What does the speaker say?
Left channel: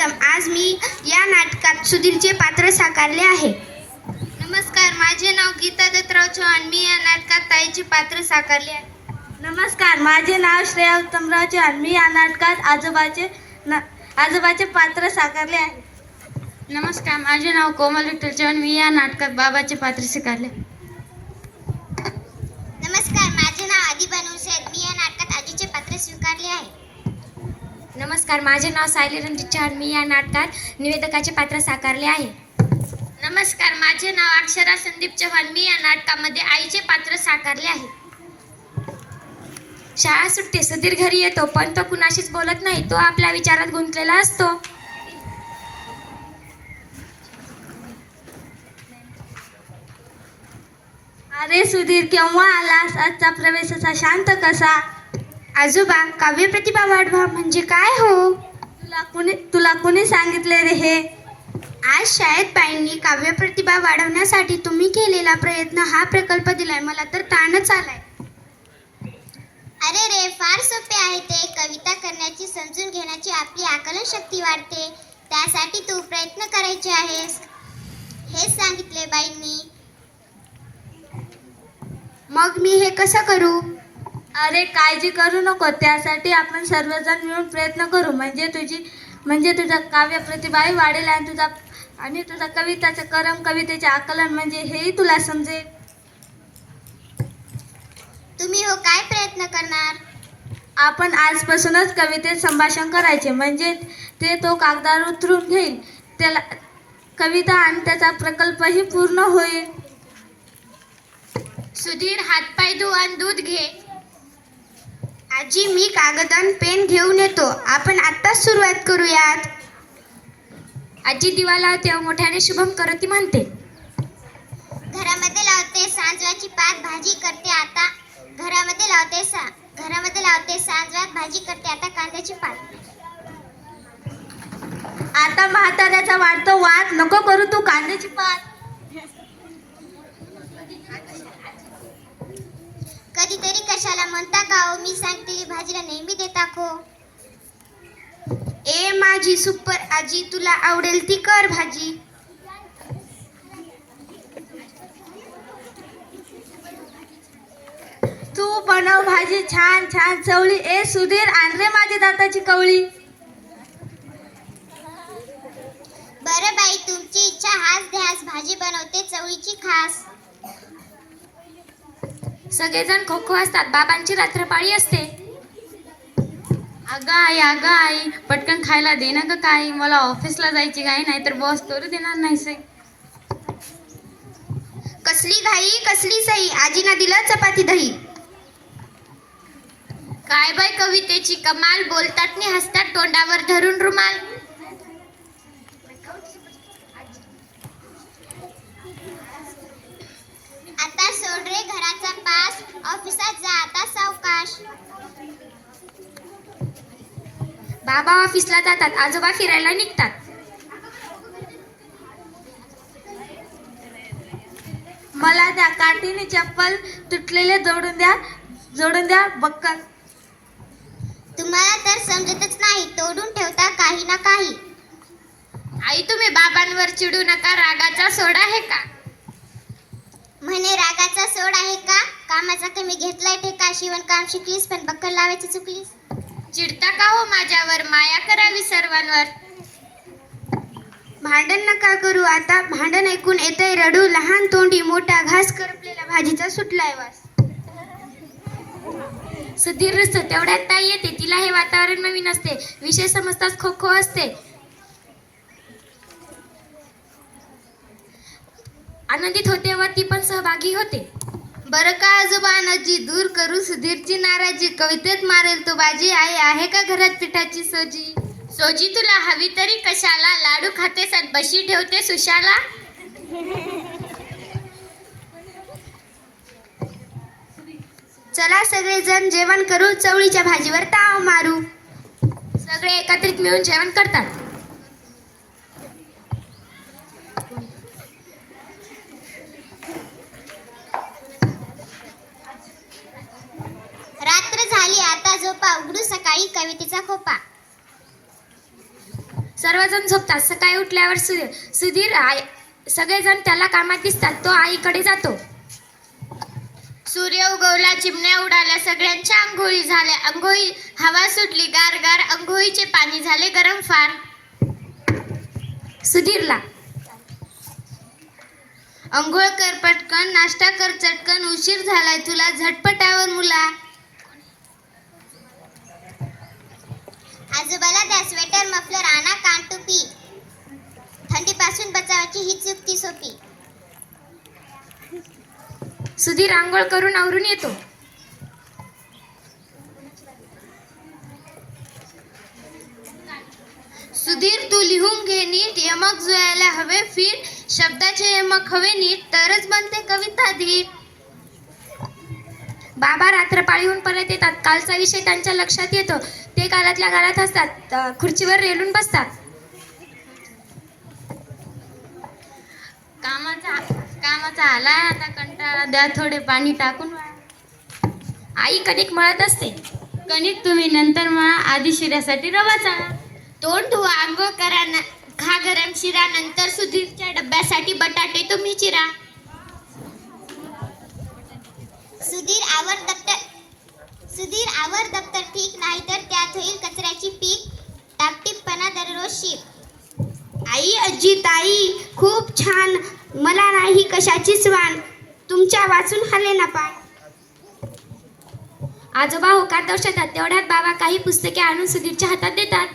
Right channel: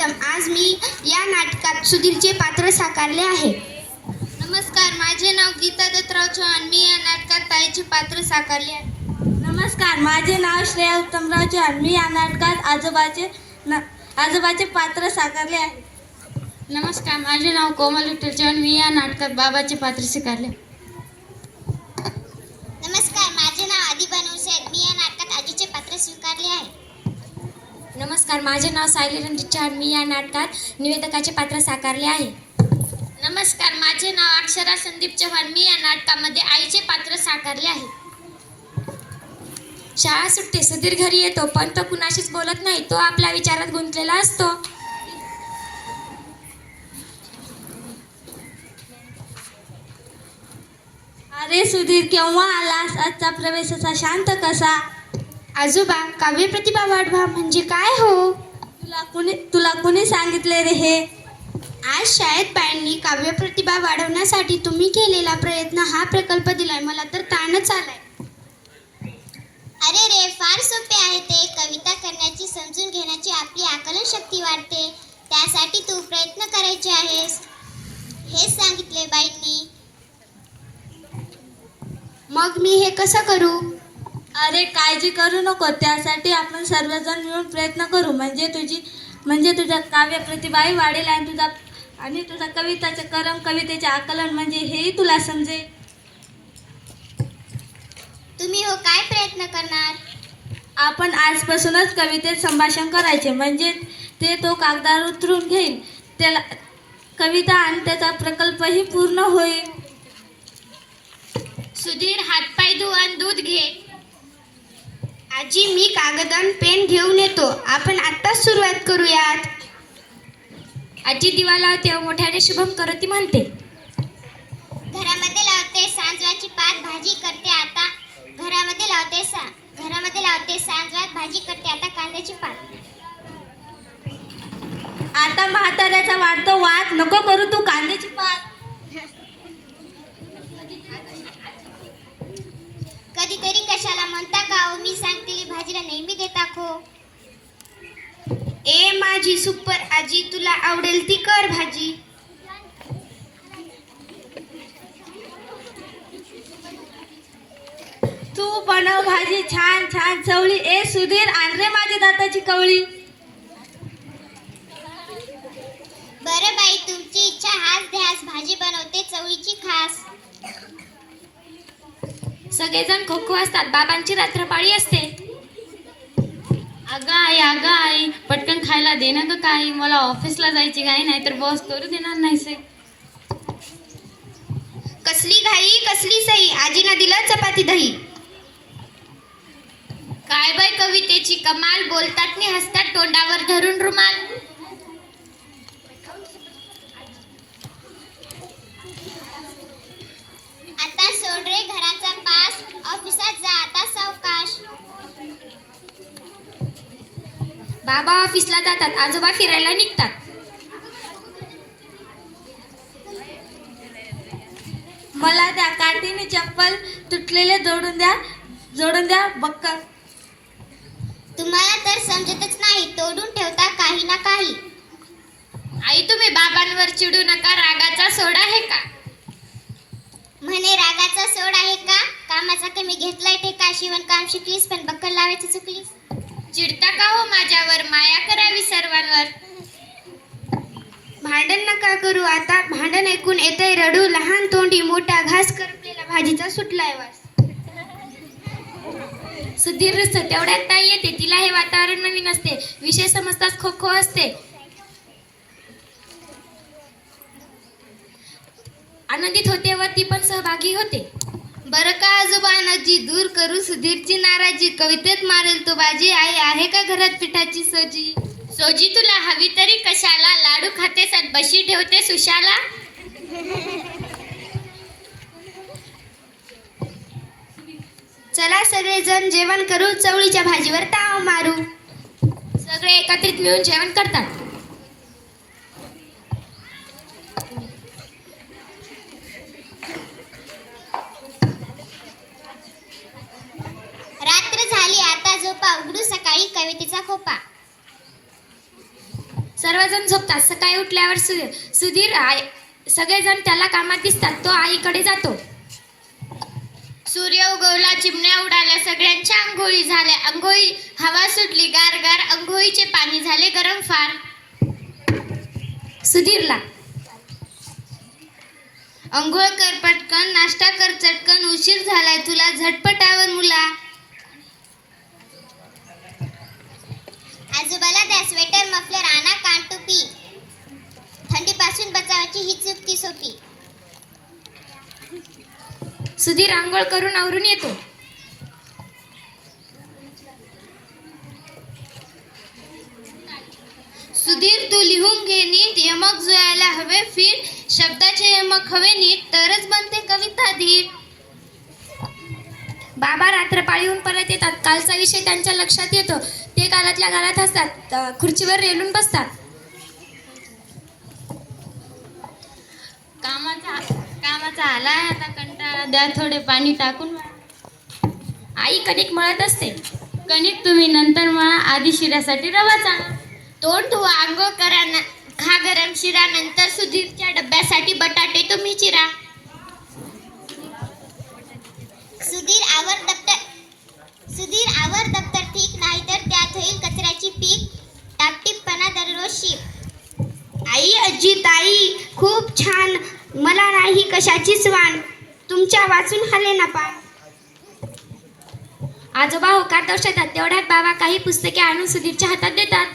सर्वप्रथम आज मी या नाटकात सुधीरचे पात्र साकारले आहे. नमस्कार माझे नाव गीता दत्तराव चव्हाण मी या नाटकात ताईचे पात्र साकारले आहे. नमस्कार माझे नाव श्रेया उत्तमराव चव्हाण मी या नाटकात आजोबाचे न- आजोबाचे पात्र साकारले आहे. नमस्कार माझे नाव कोमल विठ्ठल चव्हाण मी या नाटकात बाबाचे पात्र स्वीकारले नमस्कार माझे नाव आदिबा नवसेद मी या नमस्कार माझे नाव सायली रणजित चव्हाण मी या नाटकात निवेदकाचे पात्र साकारले आहे. नमस्कार माझे नाव अक्षरा संदीप चव्हाण. मी या नाटकामध्ये आईचे पात्र साकारले आहे. शाळा सुटते सुधीर घरी येतो पण तो कुणाशीच बोलत नाही. तो आपल्या विचारात गुंतलेला असतो. अरे सुधीर केव्हा आलास? आजचा प्रवेशाचा शांत कसा? आजोबा काव्य प्रतिभा वाढवा म्हणजे काय हो? तुला कुणी तुला कुणी सांगितले रे हे? आज शाळेत बाईंनी काव्य प्रतिभा वाढवण्यासाठी तुम्ही केलेला प्रयत्न हा प्रकल्प दिलाय. मला तर ताणच आलाय. अरे रे फार सोपे आहे ते. कविता करण्याची समजून घेण्याची आपली आकलन शक्ती वाढते. त्यासाठी तू प्रयत्न करायचे आहेस. हेच सांगितले बाईंनी. मग मी हे कसं करू? अरे काळजी करू नको. त्यासाठी आपण सर्वजण मिळून प्रयत्न करू. म्हणजे तुझी म्हणजे तुझा काव्य प्रतिभाही वाढेल आणि तुझा आणि तुझा कविताचं करम कवितेचे आकलन म्हणजे हेही तुला समजेल. तुम्ही हो काय प्रयत्न करणार? आपण आजपासूनच कवितेत संभाषण करायचे. म्हणजे ते तो कागदावर उतरून घेईल. त्याला कविता आणि त्याचा प्रकल्पही पूर्ण होईल. सुधीर हातपाय धु आणि दूध घे. आजी मी कागद आणि पेन घेऊन येतो. आपण आत्ताच सुरुवात करूयात. आजी दिवा लावते व मोठ्याने शुभम करोती म्हणते. घरामध्ये लावते सांजवाची पात भाजी करते आता. घरामध्ये लावते सा घरामध्ये लावते सांजवात भाजी करते आता कांद्याची पात आता म्हाताऱ्याचा वाढतो वाद. नको करू तू कांद्याची पात कधीतरी कशाला म्हणता का हो? मी सांगतेली भाजीला नेहमी देता खो. ए माझी सुपर आजी तुला आवडेल ती कर भाजी. तू बनव भाजी छान छान. चवळी ए सुधीर आण रे माझी दाताची कवळी. बरं बाई तुमची इच्छा हाच ध्यास भाजी बनवते चवळीची खास. सगळेजण खो खो असतात. बाबांची रात्रपाळी असते. अगं आई अगं आई पटकन खायला दे ना ग काही. मला ऑफिसला जायची काही नाही तर बॉस करू देणार नाही से कसली घाई कसली सई? आजीना दिलं चपाती दही. काय बाय कवितेची कमाल बोलतात नि हसतात तोंडावर धरून रुमाल. घराचा पास ऑफिसात जा आता सावकाश. बाबा ऑफिसला जातात आजोबा फिरायला निघतात. मला त्या काठीने चप्पल तुटलेले जोडून द्या जोडून द्या बक्कल. तुम्हाला तर समजतच नाही तोडून ठेवता काही ना काही. आई तुम्ही बाबांवर चिडू नका रागाचा सोडा आहे का? म्हणे रागाचा सोड आहे का? कामाचा कमी घेतलाय ठेका शिवणकाम शिकलीस पण बक्कल लावायची चुकलीस. चिडता का हो माझ्यावर? माया करावी सर्वांवर. भांडण नका करू आता. भांडण ऐकून येतंय रडू. लहान तोंडी मोठा घास करपलेला भाजीचा सुटलाय वास. सुधीर रुसतो. तेवढ्यात ताई येते. तिला हे वातावरण नवीन असते. विषय समजताच खो खो असते. आनंदित होते व ती पण सहभागी होते. बरं का आजोबा नजी दूर करू सुधीरची नाराजी. कवितेत मारेल तो बाजी. आई आहे का घरात पिठाची सोजी? सोजी तुला हवी तरी कशाला? लाडू खाते बशी ठेवते सुशाला चला सगळेजण जेवण करू. चवळीच्या भाजीवर ताव मारू. सगळे एकत्रित मिळून जेवण करतात. झाली आता झोपा. उघडू सकाळी कवितेचा खोपा. सर्वजण झोपतात. सकाळी उठल्यावर सुधीर सुधीर सगळेजण त्याला कामात दिसतात. तो आईकडे जातो. सूर्य उगवला चिमण्या उडाल्या सगळ्यांच्या आंघोळी झाल्या. आंघोळी हवा सुटली गार गार आंघोळीचे पाणी झाले गरम फार. सुधीरला. अंघोळ कर पटकन. नाश्ता कर चटकन. उशीर झालाय. तुला झटपटावर मुला. आजोबाला द्या स्वेटर मफलर आणा कान टोपी. थंडीपासून बचावाची ही युक्ती सोपी. सुधीर आंघोळ करून आवरून येतो. सुधीर तू लिहून घे नीट. यमक जुळायला हवे फिर. शब्दाचे यमक हवे नीट. तरच बनते कविता धीट बाबा रात्रपाळीहून परत येतात. कालचा विषय त्यांच्या लक्षात येतो. ते घरातल्या घरात असतात. खुर्चीवर रेलून बसतात. कामाचा कामाचा आलाय आता कंटाळा. द्या थोडे पाणी टाकून. आई कणिक मळत असते. कणिक तुम्ही नंतर मळा. आधी शिऱ्यासाठी रवा चांगला तोंड धुवा आंघोळ करा न- खा गरम शिरा. नंतर सुधीरच्या डब्यासाठी बटाटे तुम्ही चिरा. सुधीर आवर दप्तर सुधीर आवर दप्तर ठीक नाही तर त्यात होईल कचऱ्याची पीक टापटीपणा दररोज शीप आई आजी ताई खूप छान मला नाही कशाचीच वाण तुमच्या वाचून हले ना पान आजोबा होकार दर्शवतात तेवढ्यात बाबा काही पुस्तके आणून सुधीरच्या हातात देतात.